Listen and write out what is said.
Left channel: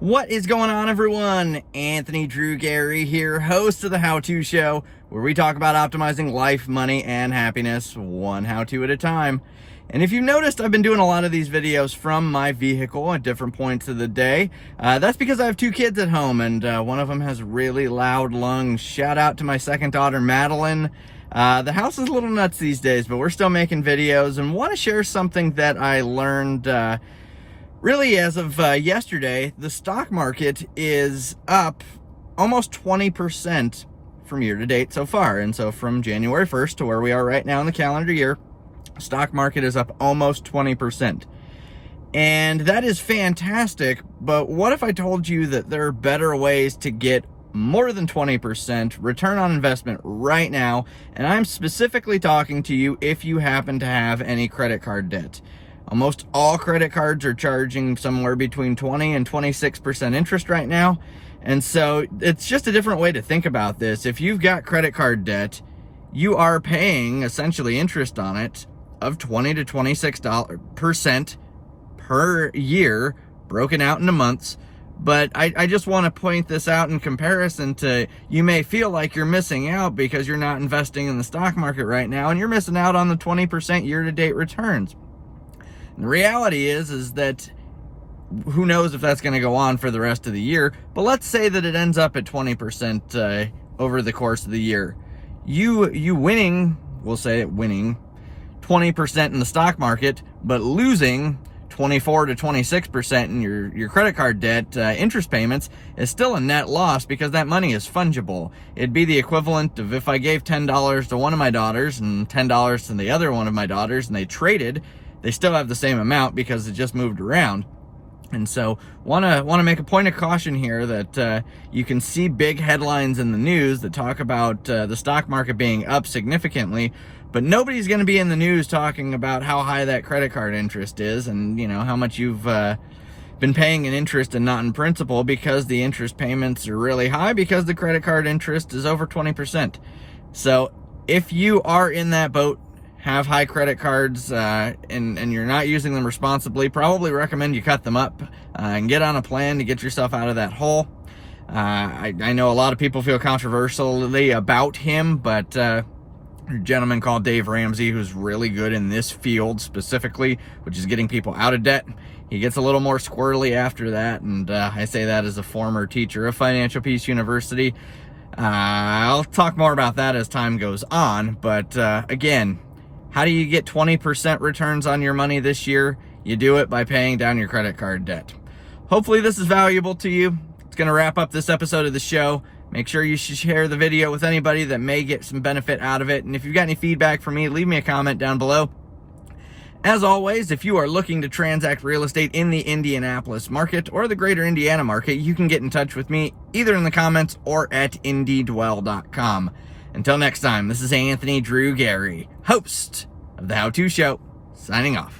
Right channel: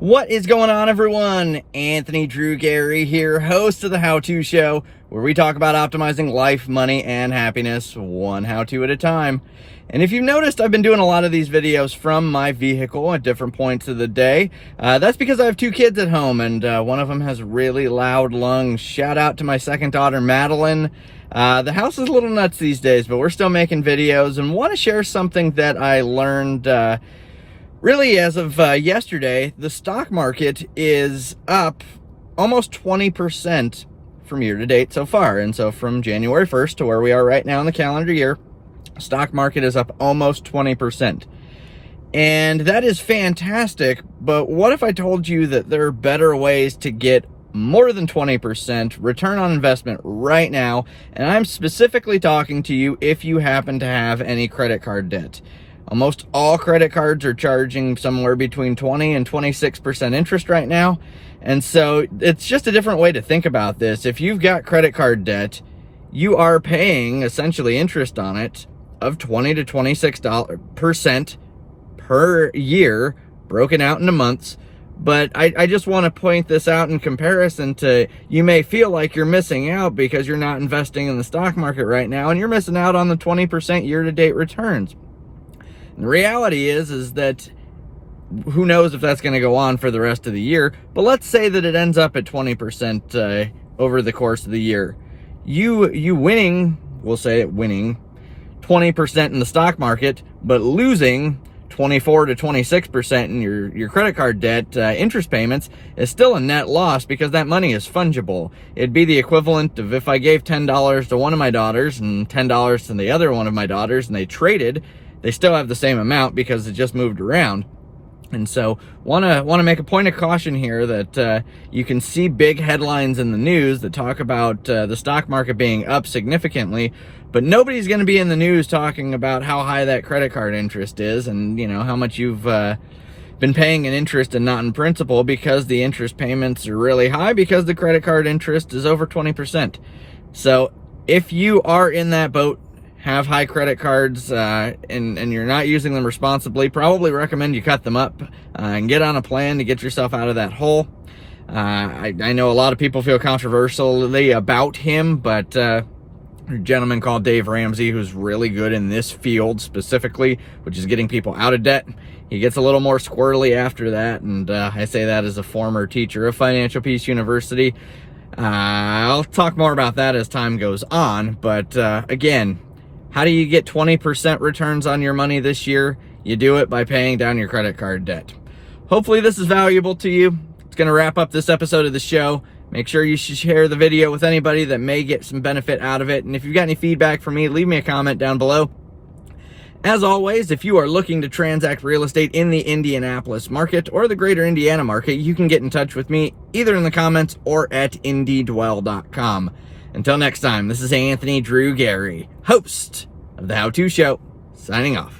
What is going on, everyone? Anthony Drew Gary here, host of the How To Show, where we talk about optimizing life, money, and happiness one how-to at a time. And if you've noticed, I've been doing a lot of these videos from my vehicle at different points of the day. That's because I have two kids at home, and one of them has really loud lungs. Shout out to my second daughter, Madeline. The house is a little nuts these days, but we're still making videos and want to share something that I learned really, as of yesterday. The stock market is up almost 20% from year to date so far. And so from January 1st to where we are right now in the calendar year, stock market is up almost 20%. And that is fantastic. But what if I told you that there are better ways to get more than 20% return on investment right now? And I'm specifically talking to you if you happen to have any credit card debt. Almost all credit cards are charging somewhere between 20 and 26% interest right now. And so it's just a different way to think about this. If you've got credit card debt, you are paying essentially interest on it of 20 to 26% per year, broken out into months. But I just want to point this out in comparison to, you may feel like you're missing out because you're not investing in the stock market right now, and you're missing out on the 20% year-to-date returns. The reality is that who knows if that's going to go on for the rest of the year, but let's say that it ends up at 20% over the course of the year. You winning, we'll say it winning 20% in the stock market, but losing 24 to 26% in your credit card debt interest payments is still a net loss, because that money is fungible. It'd be the equivalent of if I gave $10 to one of my daughters and $10 to the other one of my daughters, and they traded. They still have the same amount because it just moved around. And so want to make a point of caution here that you can see big headlines in the news that talk about the stock market being up significantly, but nobody's going to be in the news talking about how high that credit card interest is, and how much you've been paying in interest and not in principal, because the interest payments are really high because the credit card interest is over 20%. So if you are in that boat, have high credit cards, and you're not using them responsibly, probably recommend you cut them up and get on a plan to get yourself out of that hole. I know a lot of people feel controversially about him, but a gentleman called Dave Ramsey, who's really good in this field specifically, which is getting people out of debt, he gets a little more squirrely after that, and I say that as a former teacher of Financial Peace University. I'll talk more about that as time goes on, but again, how do you get 20% returns on your money this year? You do it by paying down your credit card debt. Hopefully this is valuable to you. It's going to wrap up this episode of the show. Make sure you share the video with anybody that may get some benefit out of it. And if you've got any feedback for me, leave me a comment down below. As always, if you are looking to transact real estate in the Indianapolis market or the greater Indiana market, you can get in touch with me either in the comments or at IndyDwell.com. Until next time, this is Anthony Drew Gary, host of the How To Show, signing off.